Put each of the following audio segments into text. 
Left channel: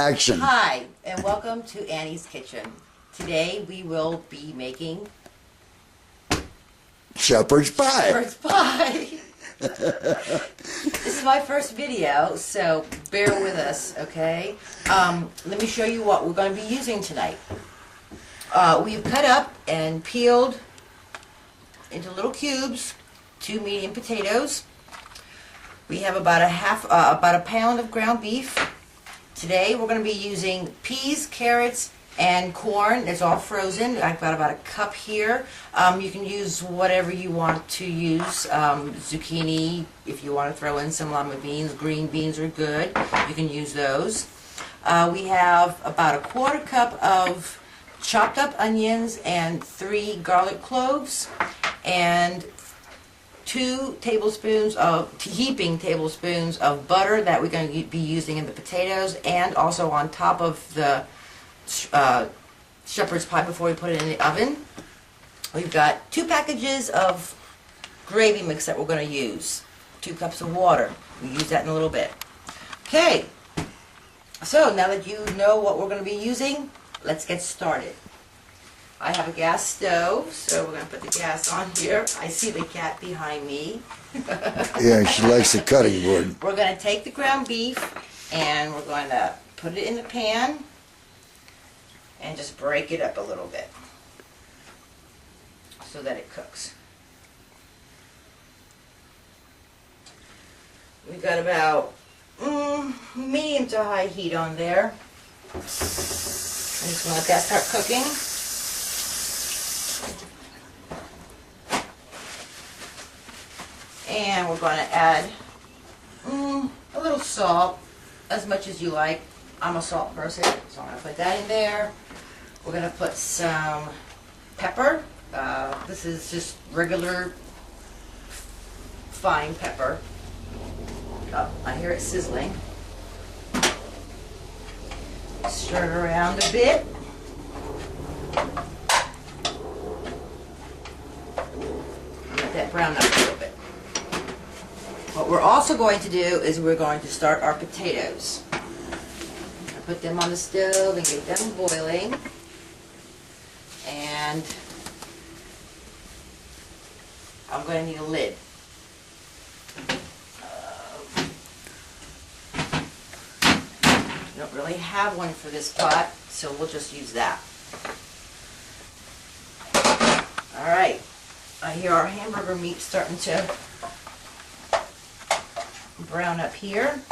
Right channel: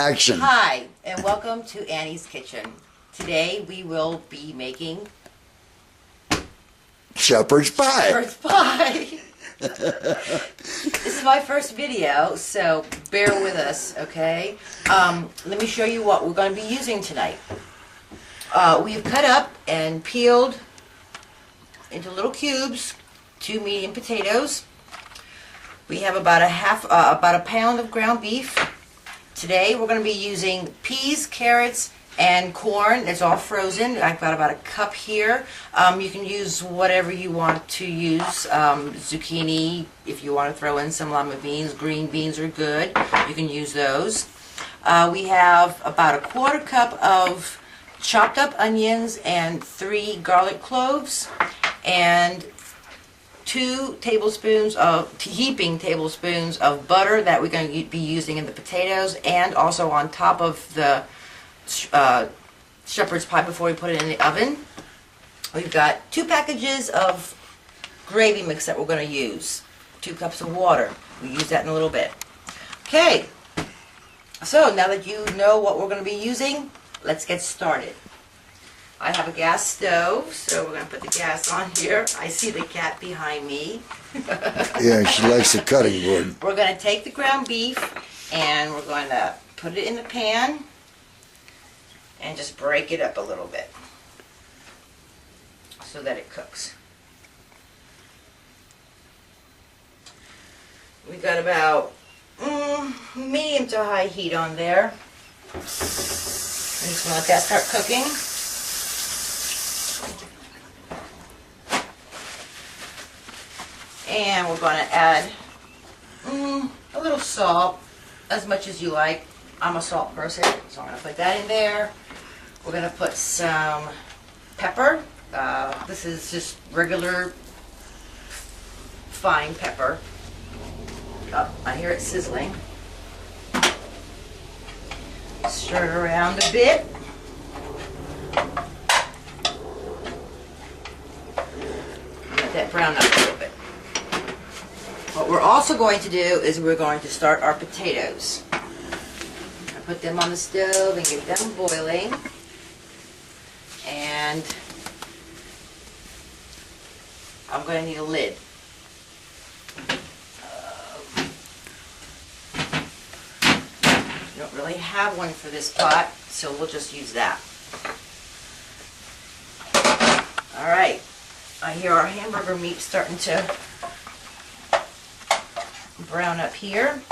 Action. Hi, and welcome to Annie's Kitchen. Today we will be making Shepherd's pie. shepherd's pie. This is my first video, so bear with us, okay? Let me show you what we're going to be using tonight. We've cut up and peeled into little cubes 2 medium potatoes. We have about a pound of ground beef. Today we're going to be using peas, carrots, and corn. It's all frozen. I've got about a cup here. You can use whatever you want to use. Zucchini, if you want to throw in some lima beans. Green beans are good. You can use those. We have about a quarter cup of chopped up onions and 3 garlic cloves and 2 tablespoons of heaping tablespoons of butter that we're going to be using in the potatoes, and also on top of the shepherd's pie before we put it in the oven. We've got 2 packages of gravy mix that we're going to use. 2 cups of water. We'll use that in a little bit. Okay, so now that you know what we're going to be using, let's get started. I have a gas stove, so we're going to put the gas on here. I see the cat behind me. Yeah, she likes the cutting board. We're going to take the ground beef and we're going to put it in the pan and just break it up a little bit so that it cooks. We've got about medium to high heat on there. I'm just going to let that start cooking. And we're going to add a little salt, as much as you like. I'm a salt person, so I'm going to put that in there. We're going to put some pepper. This is just regular fine pepper. Oh, I hear it sizzling. Stir it around a bit. Let that brown up a little bit. What we're also going to do is we're going to start our potatoes. I put them on the stove and get them boiling. And I'm going to need a lid. We don't really have one for this pot, so we'll just use that. Alright, I hear our hamburger meat starting to brown up here.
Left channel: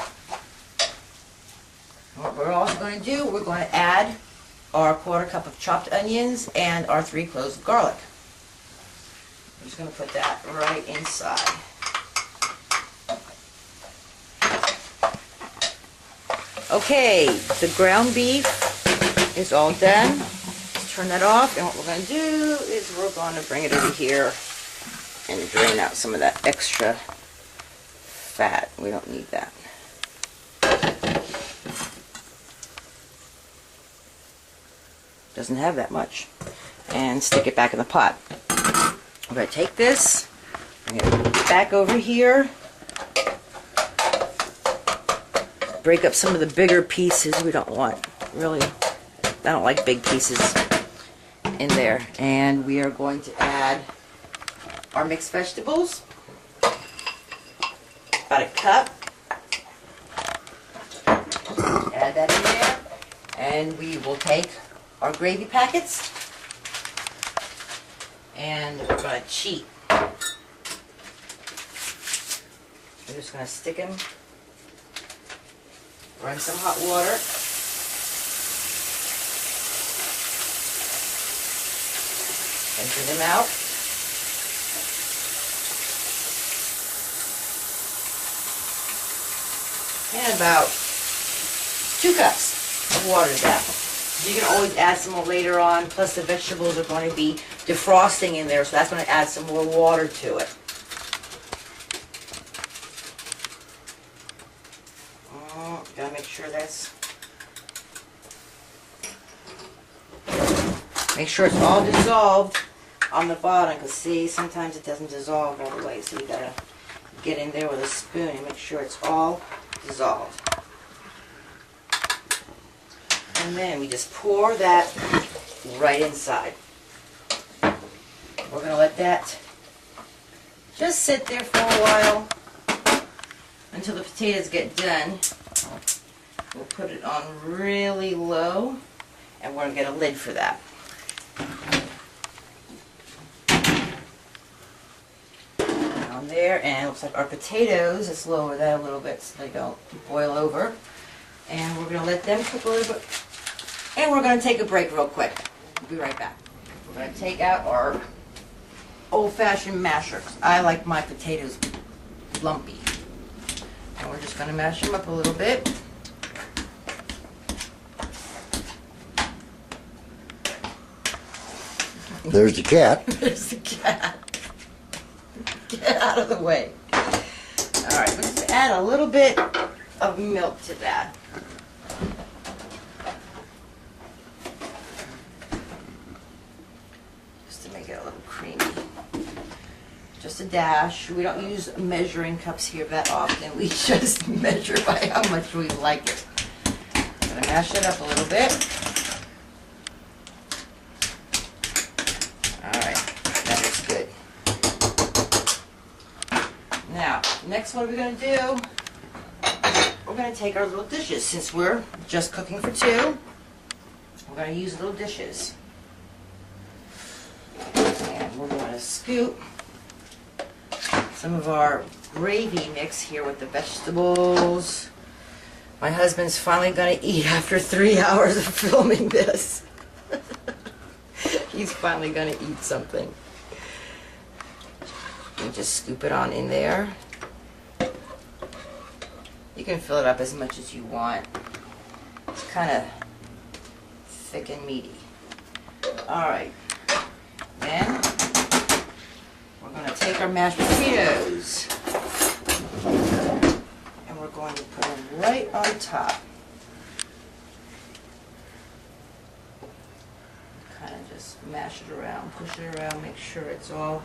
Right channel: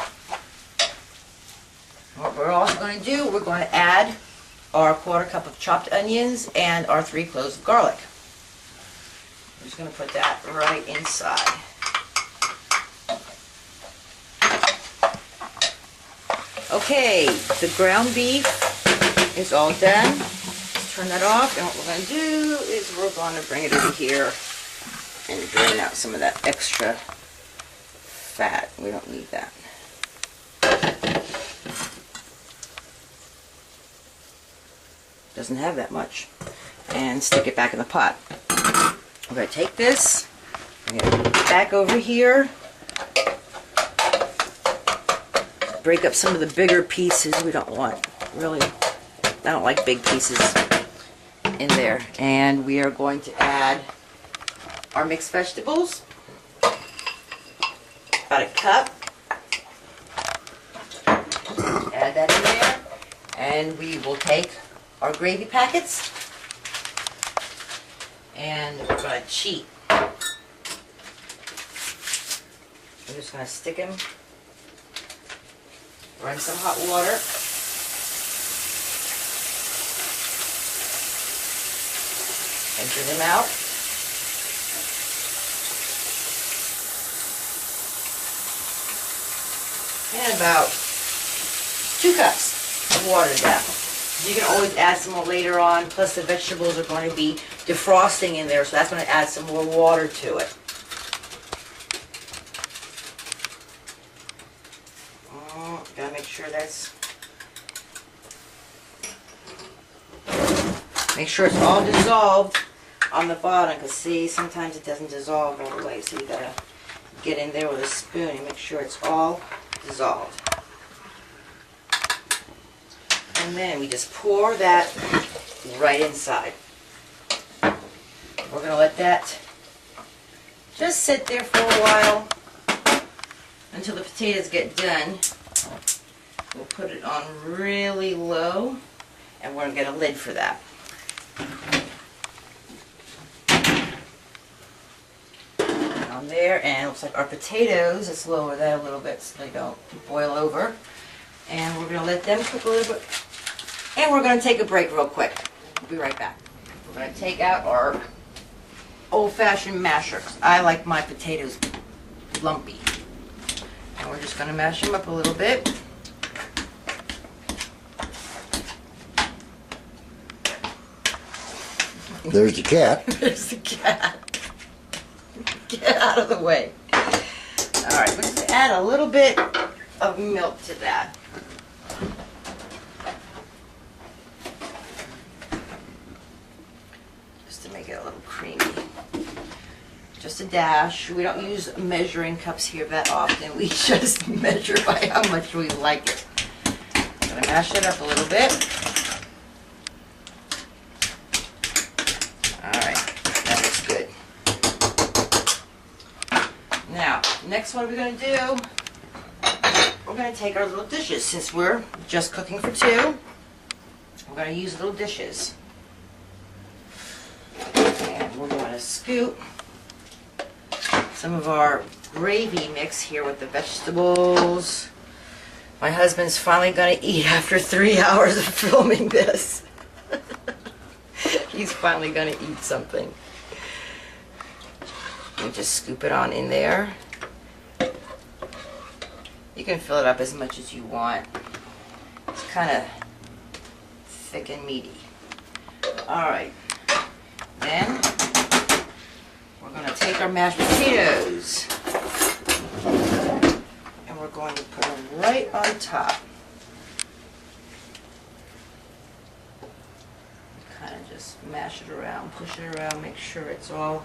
What we're also going to do, we're going to add our quarter cup of chopped onions and our 3 cloves of garlic. I'm just going to put that right inside. Okay, the ground beef is all done. Let's turn that off, and what we're going to do is we're going to bring it over here and drain out some of that extra fat. We don't need that. Doesn't have that much. And stick it back in the pot. We're going to take this, bring it back over here, break up some of the bigger pieces we don't want. Really, I don't like big pieces in there. And we are going to add our mixed vegetables. About a cup. Add that in there. And we will take our gravy packets and we're going to cheat. We're just going to stick them, run some hot water, empty them out. And about 2 cups of water to that. You can always add some more later on, plus the vegetables are going to be defrosting in there, so that's going to add some more water to it. Gotta make sure make sure it's all dissolved on the bottom, because see, sometimes it doesn't dissolve all the way, so you gotta get in there with a spoon and make sure it's all dissolved. And then we just pour that right inside. We're going to let that just sit there for a while until the potatoes get done. We'll put it on really low, and we're going to get a lid for that. On there, and it looks like our potatoes, let's lower that a little bit so they don't boil over. And we're going to let them cook a little bit. And we're going to take a break real quick. We'll be right back. We're going to take out our old-fashioned masher, 'cause I like my potatoes lumpy. And we're just going to mash them up a little bit. There's the cat. There's the cat. Get out of the way. Alright, let's add a little bit of milk to that. Just to make it a little creamy. Just a dash. We don't use measuring cups here that often. We just measure by how much we like it. I'm going to mash it up a little bit. Alright, that looks good. Now, next what we're going to do, we're going to take our little dishes. Since we're just cooking for two, we're going to use little dishes. And we're going to scoop some of our gravy mix here with the vegetables. My husband's finally going to eat after 3 hours of filming this. He's finally going to eat something. You just scoop it on in there. You can fill it up as much as you want. It's kind of thick and meaty. Alright. Then we're going to take our mashed potatoes and we're going to put them right on top. Kind of just mash it around, push it around, make sure it's all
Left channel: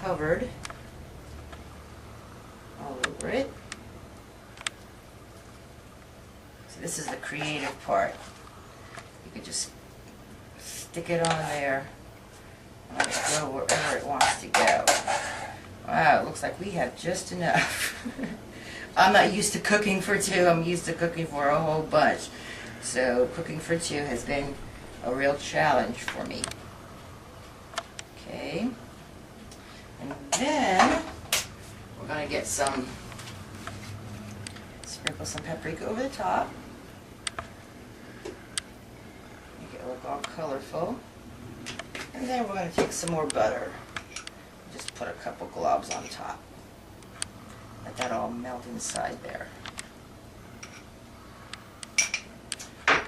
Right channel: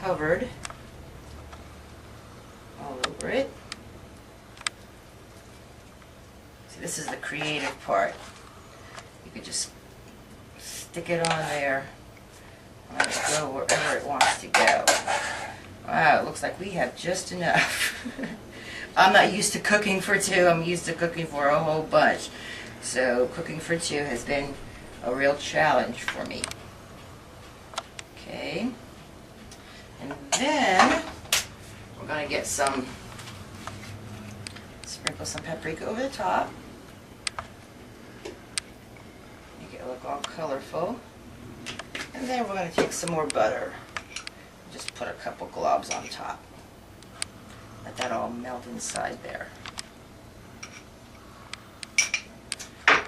covered all over it. See, this is the creative part. You could just stick it on there and let it go wherever it wants to go. Wow, it looks like we have just enough. I'm not used to cooking for two, I'm used to cooking for a whole bunch. So cooking for two has been a real challenge for me. Okay. And then we're going to get some, sprinkle some paprika over the top. Make it look all colorful. And then we're going to take some more butter. Just put a couple globs on top. Let that all melt inside there.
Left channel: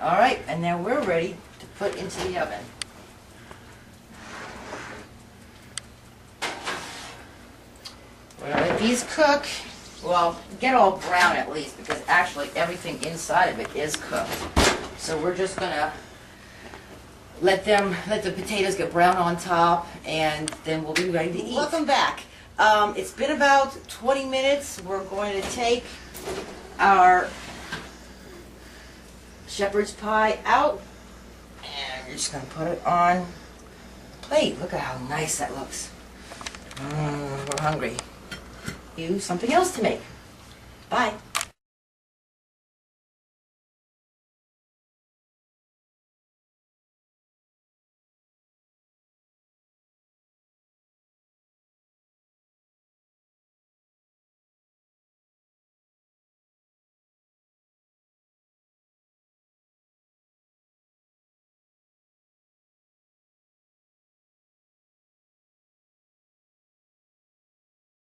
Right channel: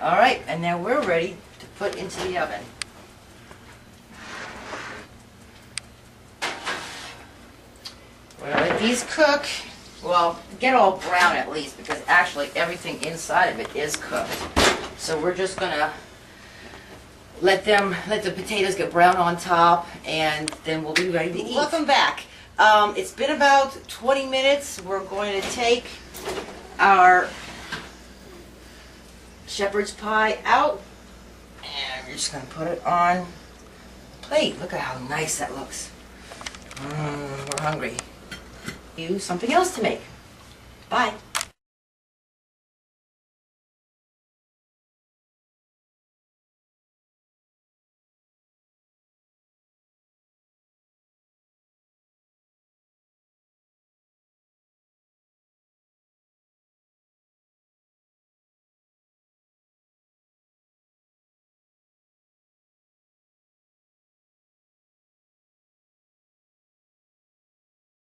Alright, and now we're ready to put into the oven. We're going to let these cook, well, get all brown at least, because actually everything inside of it is cooked. So we're just going to let the potatoes get brown on top, and then we'll be ready to eat. Welcome back. It's been about 20 minutes. We're going to take our shepherd's pie out, and we're just going to put it on the plate. Look at how nice that looks. We're hungry. Something else to make. Bye.